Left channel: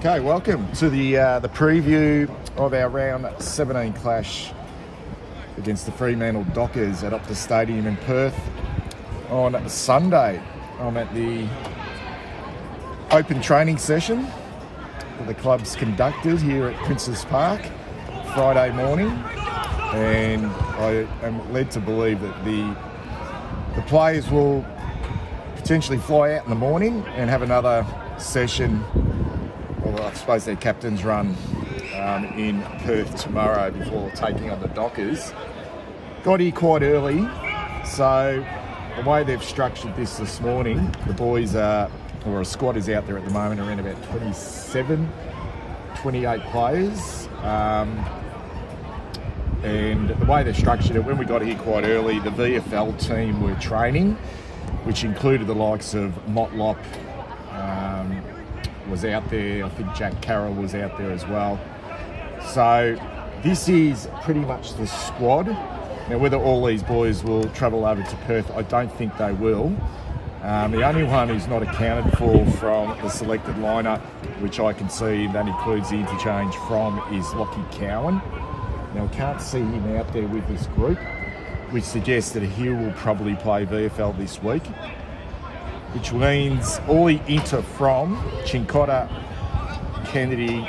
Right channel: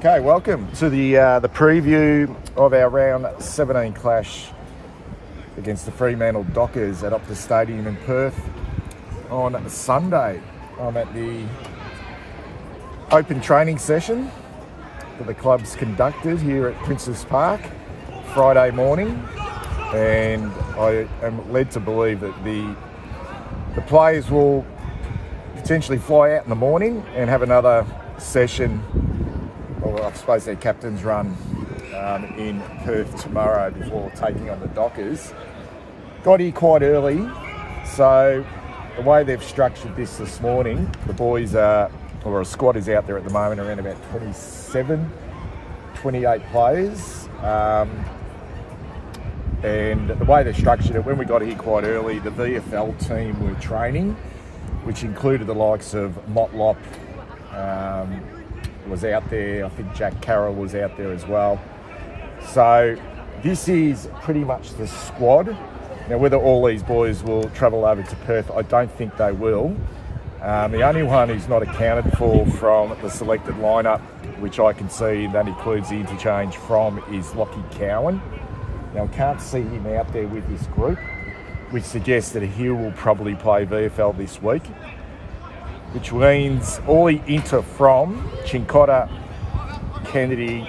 Okay, welcome to the preview of our round 17 clash against the Fremantle Dockers at Optus Stadium in Perth on Sunday. I'm at the open training session that the club's conducted here at Princes Park Friday morning, and I am led to believe that the players will potentially fly out in the morning and have another session, well, I suppose their captain's run in Perth tomorrow before taking on the Dockers. Got here quite early, so the way they've structured this morning, the boys are, or a squad is out there at the moment, around about 28 players. And the way they've structured it, when we got here quite early, the VFL team were training, which included the likes of Motlop, was out there. I think Jack Carroll was out there as well. So this is pretty much the squad. Now, whether all these boys will travel over to Perth, I don't think they will. The only one who's not accounted for from the selected lineup, which I can see that includes the interchange from, is Lockie Cowan. Now, I can't see him out there with this group, which suggests that he will probably play VFL this week, which means all the inter from Cincotta, Kennedy,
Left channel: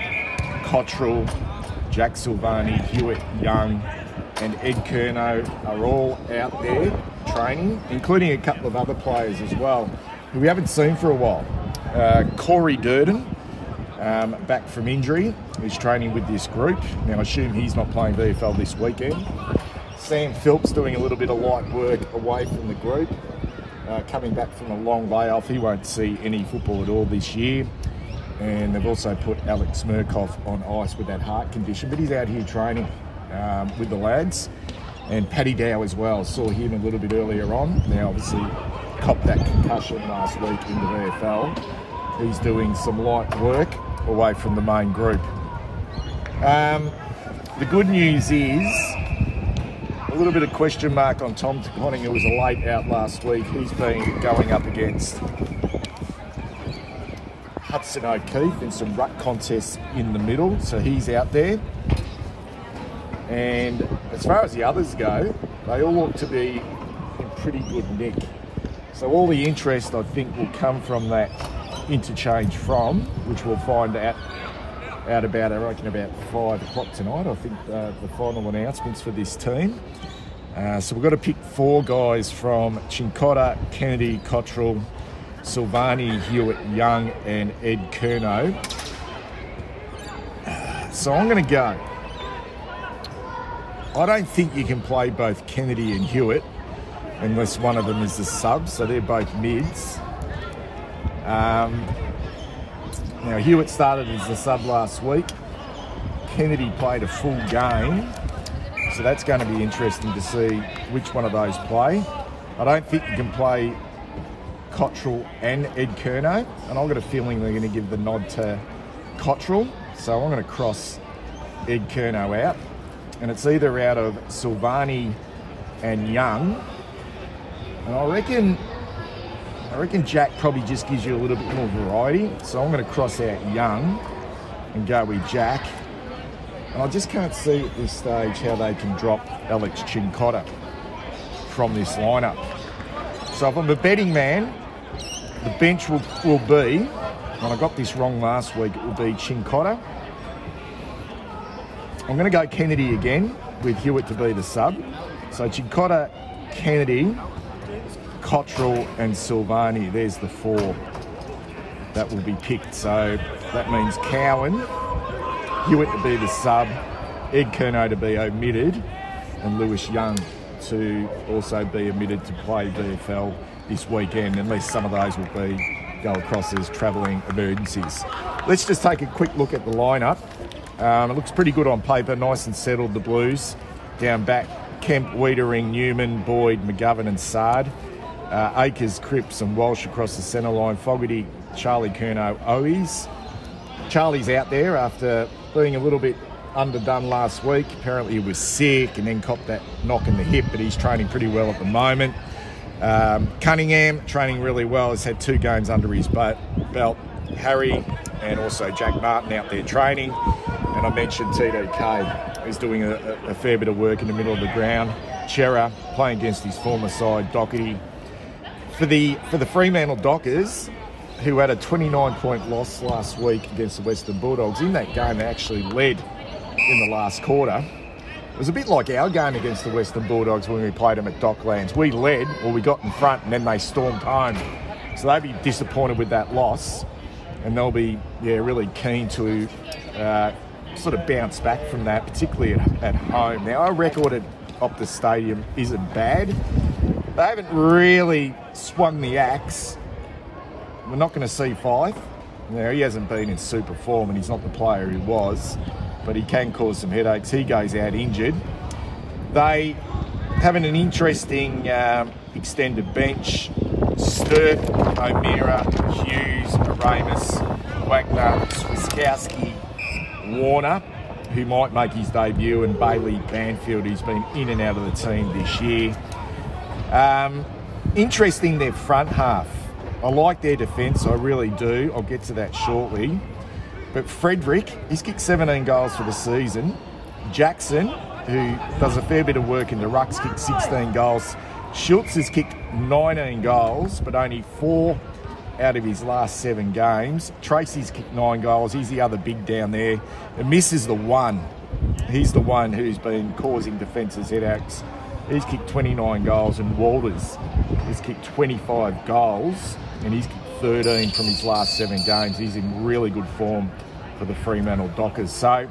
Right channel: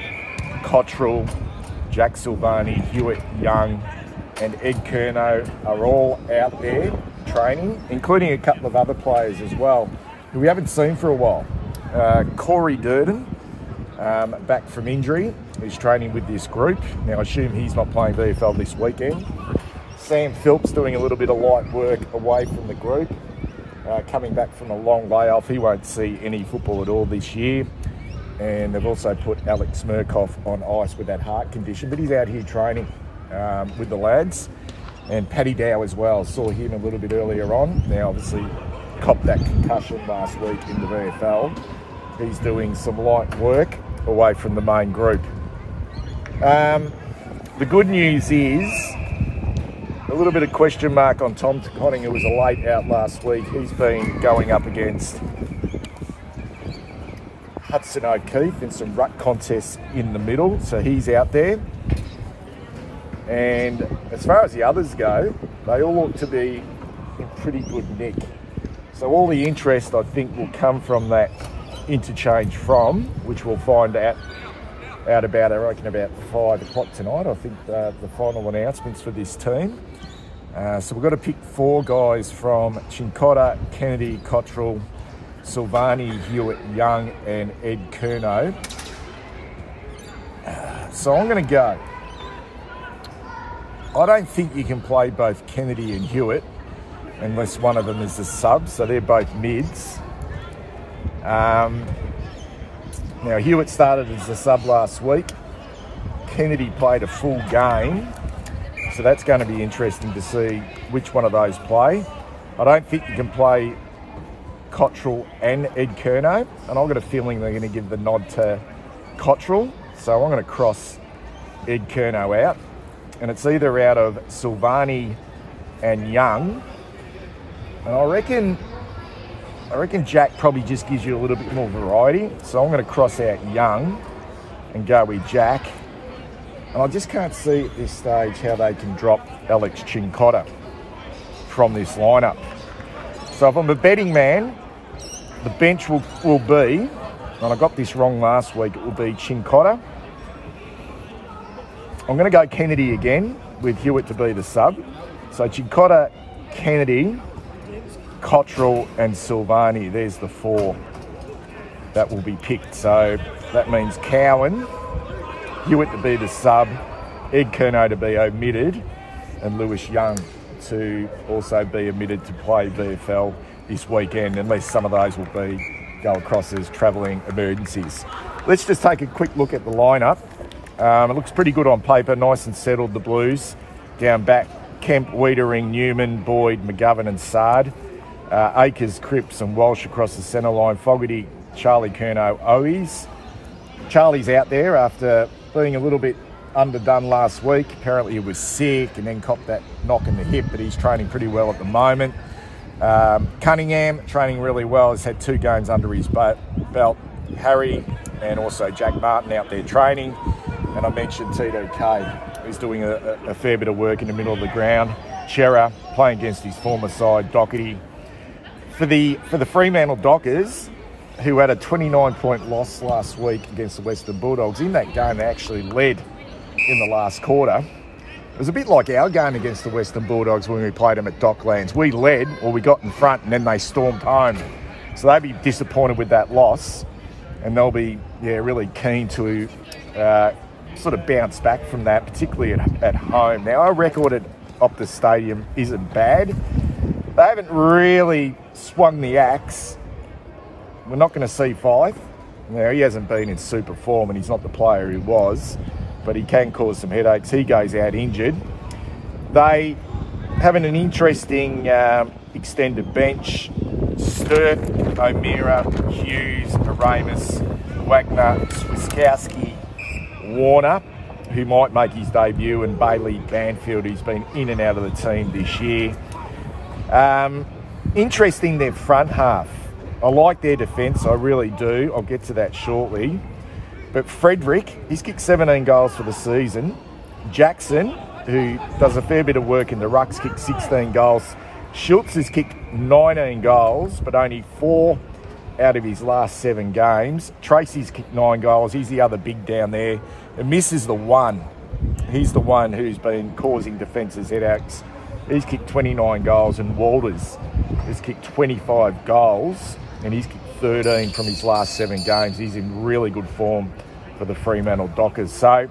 Cottrell, Jack Silvani, Hewitt, Young and Ed Curnow are all out there training, including a couple of other players as well who we haven't seen for a while. Corey Durden, back from injury, is training with this group. Now, I assume he's not playing VFL this weekend. Sam Phillips doing a little bit of light work away from the group, coming back from a long layoff. He won't see any football at all this year. And they've also put Alex Murkoff on ice with that heart condition, but he's out here training with the lads. And Paddy Dow as well, saw him a little bit earlier on. Now, obviously, copped that concussion last week in the VFL. He's doing some light work away from the main group. The good news is a little bit of question mark on Tom Conning, who was a late out last week. He's been going up against Hudson O'Keefe in some ruck contests in the middle, so he's out there. And as far as the others go, they all look to be in pretty good nick. So all the interest, I think, will come from that interchange from, which we'll find out about, I reckon, about 5 o'clock tonight. I think the final announcements for this team. So we've got to pick 4 guys from Cincotta, Kennedy, Cottrell, Silvani, Hewitt, Young and Ed Curnow. So I'm going to go. I don't think you can play both Kennedy and Hewitt unless one of them is a sub, so they're both mids. Now, Hewitt started as a sub last week. Kennedy played a full game, so that's going to be interesting to see which one of those play. I don't think you can play Cottrell and Ed Curnow, and I've got a feeling they're going to give the nod to Cottrell, so I'm going to cross Ed Curnow out. And it's either out of Silvani and Young. And I reckon Jack probably just gives you a little bit more variety. So I'm going to cross out Young and go with Jack. And I just can't see at this stage how they can drop Alex Cincotta from this lineup. So if I'm a betting man, the bench will be, and I got this wrong last week, it will be Cincotta. I'm going to go Kennedy again with Hewitt to be the sub. So Cincotta, Kennedy, Cottrell and Silvani. There's the 4 that will be picked. So that means Cowan, Hewitt to be the sub, Ed Curnow to be omitted, and Lewis Young to also be omitted to play VFL this weekend, unless some of those will go across as travelling emergencies. Let's just take a quick look at the lineup. It looks pretty good on paper, nice and settled, the Blues. Down back, Kemp, Wiedering, Newman, Boyd, McGovern and Sard. Akers, Cripps and Walsh across the centre line. Fogarty, Charlie Curnow, Owies. Charlie's out there after being a little bit underdone last week. Apparently he was sick and then copped that knock in the hip, but he's training pretty well at the moment. Cunningham, training really well, has had 2 games under his belt. Harry, and also Jack Martin out there training. And I mentioned TDK is doing a fair bit of work in the middle of the ground. Chera playing against his former side, Doherty. For the Fremantle Dockers, who had a 29-point loss last week against the Western Bulldogs, in that game they actually led in the last quarter. It was a bit like our game against the Western Bulldogs when we played them at Docklands. We led, or we got in front, and then they stormed home. So they'd be disappointed with that loss, and they'll be really keen to sort of bounce back from that, particularly at home. Now, our record at Optus Stadium isn't bad. They haven't really swung the axe. We're not going to see Fife. Now, he hasn't been in super form, and he's not the player he was, but he can cause some headaches. He goes out injured. They having an interesting extended bench. Sturt, O'Meara, Hughes, Ramus, Wagner, Swiskowski, Warner, who might make his debut, and Bailey Banfield, who's been in and out of the team this year. Interesting, their front half. I like their defence, I really do. I'll get to that shortly. But Frederick, he's kicked 17 goals for the season. Jackson, who does a fair bit of work in the rucks, kicked 16 goals. Schultz has kicked 19 goals, but only 4 out of his last 7 games. Tracy's kicked 9 goals. He's the other big down there. And Miss is the one. He's the one who's been causing defences headaches. He's kicked 29 goals, and Walters has kicked 25 goals, and he's kicked 13 from his last 7 games. He's in really good form for the Fremantle Dockers. So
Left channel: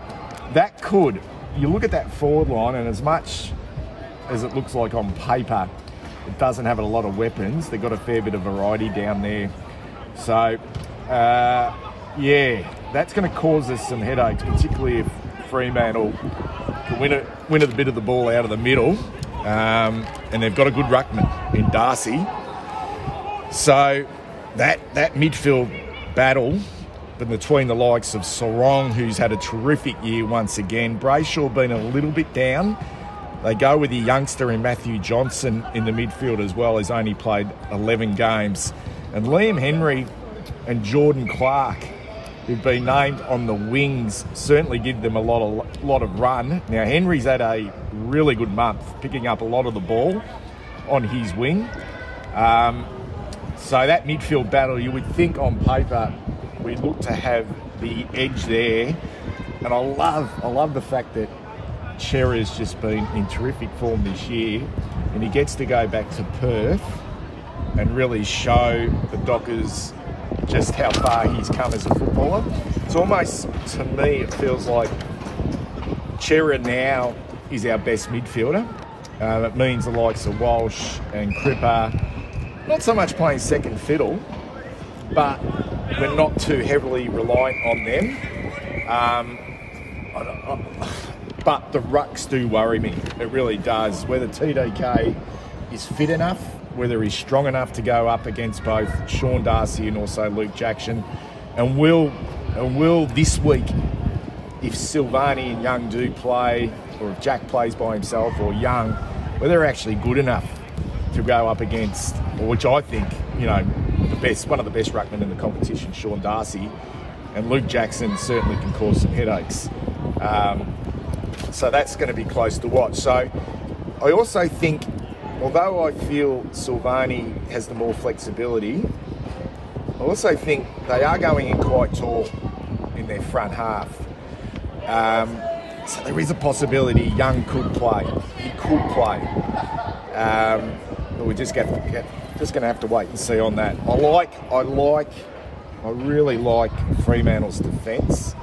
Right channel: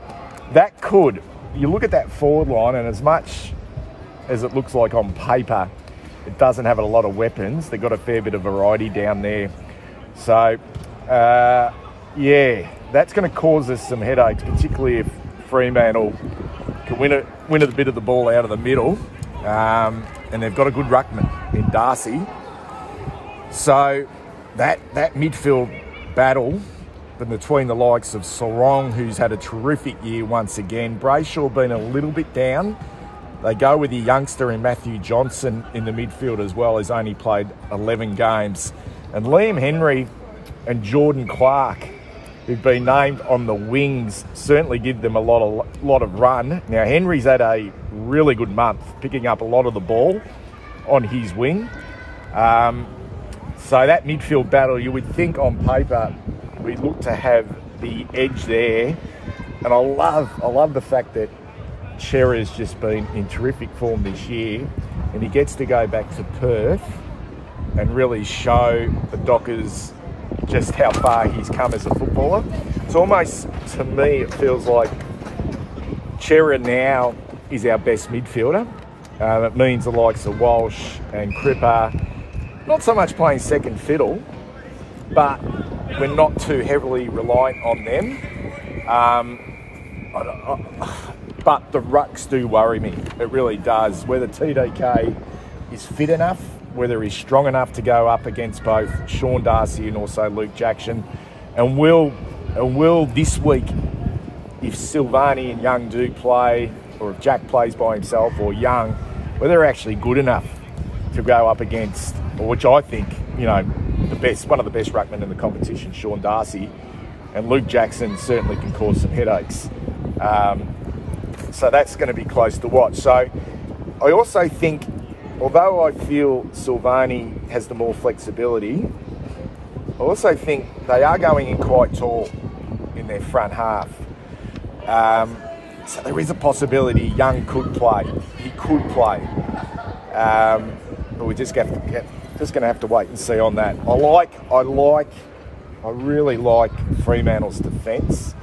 that could, you look at that forward line, and as much as it looks like on paper, it doesn't have a lot of weapons. They've got a fair bit of variety down there. So, yeah, that's going to cause us some headaches, particularly if Fremantle can win a bit of the ball out of the middle. And they've got a good ruckman in Darcy. So that midfield battle between the likes of Sarong, who's had a terrific year once again, Brayshaw been a little bit down. They go with the youngster in Matthew Johnson in the midfield as well, has only played 11 games. And Liam Henry and Jordan Clark, who've been named on the wings, certainly give them a lot of run. Now, Henry's had a really good month, picking up a lot of the ball on his wing. So that midfield battle, you would think on paper, we'd look to have the edge there. And I love the fact that Chera's just been in terrific form this year, and he gets to go back to Perth and really show the Dockers just how far he's come as a footballer. It's almost, to me, it feels like Chera now is our best midfielder. It means the likes of Walsh and Cripper, not so much playing second fiddle, but we're not too heavily reliant on them. But the rucks do worry me. It really does. Whether TDK is fit enough, whether he's strong enough to go up against both Sean Darcy and also Luke Jackson, and will this week, if Silvani and Young do play, or if Jack plays by himself, or Young, whether they're actually good enough to go up against, or which I think, you know, one of the best ruckmen in the competition, Sean Darcy, and Luke Jackson certainly can cause some headaches. So that's going to be close to watch. So I also think, although I feel Silvani has the more flexibility, I also think they are going in quite tall in their front half. So there is a possibility Young could play. He could play. But we're just going to have to wait and see on that. I really like Fremantle's defence.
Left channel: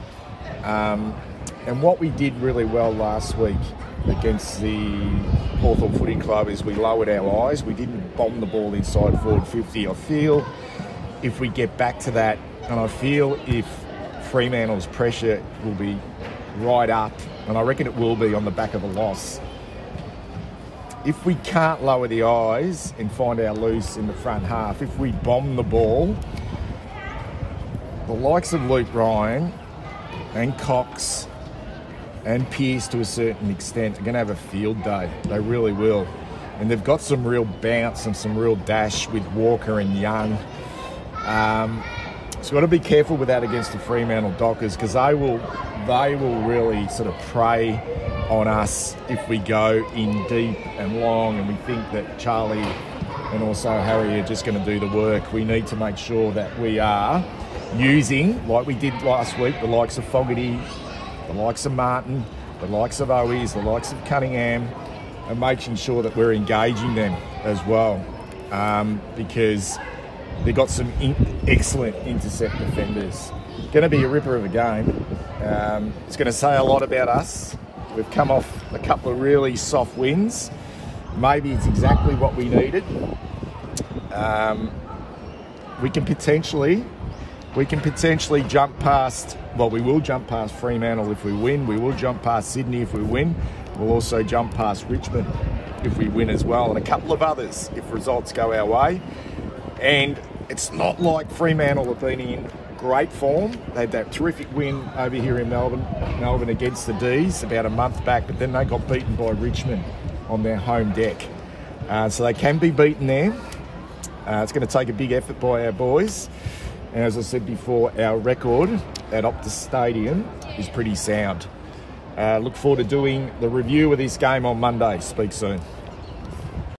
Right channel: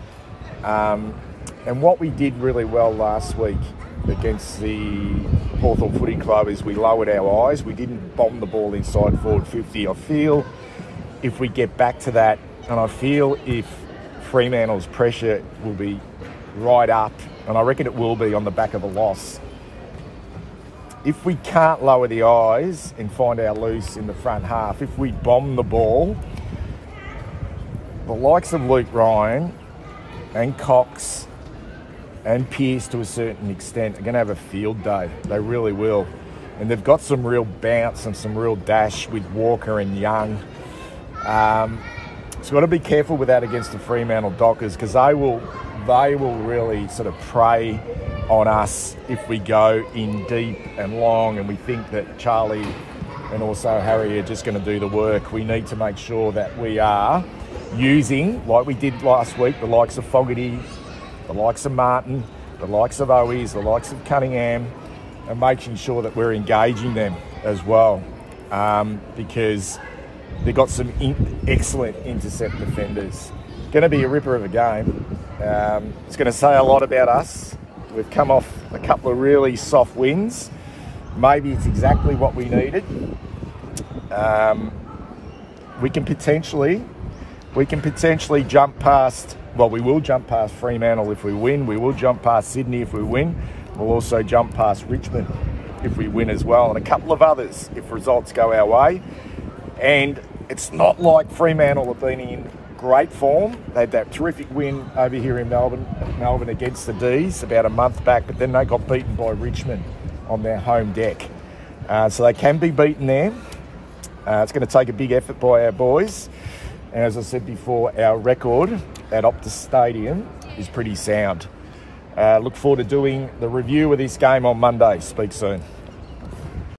And what we did really well last week against the Hawthorn Footy Club is we lowered our eyes. We didn't bomb the ball inside forward 50. I feel if we get back to that, and I feel if Fremantle's pressure will be right up, and I reckon it will be on the back of a loss. If we can't lower the eyes and find our loose in the front half, if we bomb the ball, the likes of Luke Ryan and Cox and Pearce to a certain extent are going to have a field day. They really will. And they've got some real bounce and some real dash with Walker and Young. So we've got to be careful with that against the Fremantle Dockers, because they will really sort of prey on us if we go in deep and long, and we think that Charlie and also Harry are just going to do the work. We need to make sure that we are using, like we did last week, the likes of Fogarty, the likes of Martin, the likes of Owies, the likes of Cunningham, and making sure that we're engaging them as well, because they've got some excellent intercept defenders. Going to be a ripper of a game. It's going to say a lot about us. We've come off a couple of really soft wins. Maybe it's exactly what we needed. We can potentially jump past, well, we will jump past Fremantle if we win. We will jump past Sydney if we win. We'll also jump past Richmond if we win as well, and a couple of others if results go our way. And it's not like Fremantle have been in great form. They had that terrific win over here in Melbourne against the D's about a month back, but then they got beaten by Richmond on their home deck. So they can be beaten there. It's going to take a big effort by our boys. And as I said before, our record at Optus Stadium is pretty sound. Look forward to doing the review of this game on Monday. Speak soon.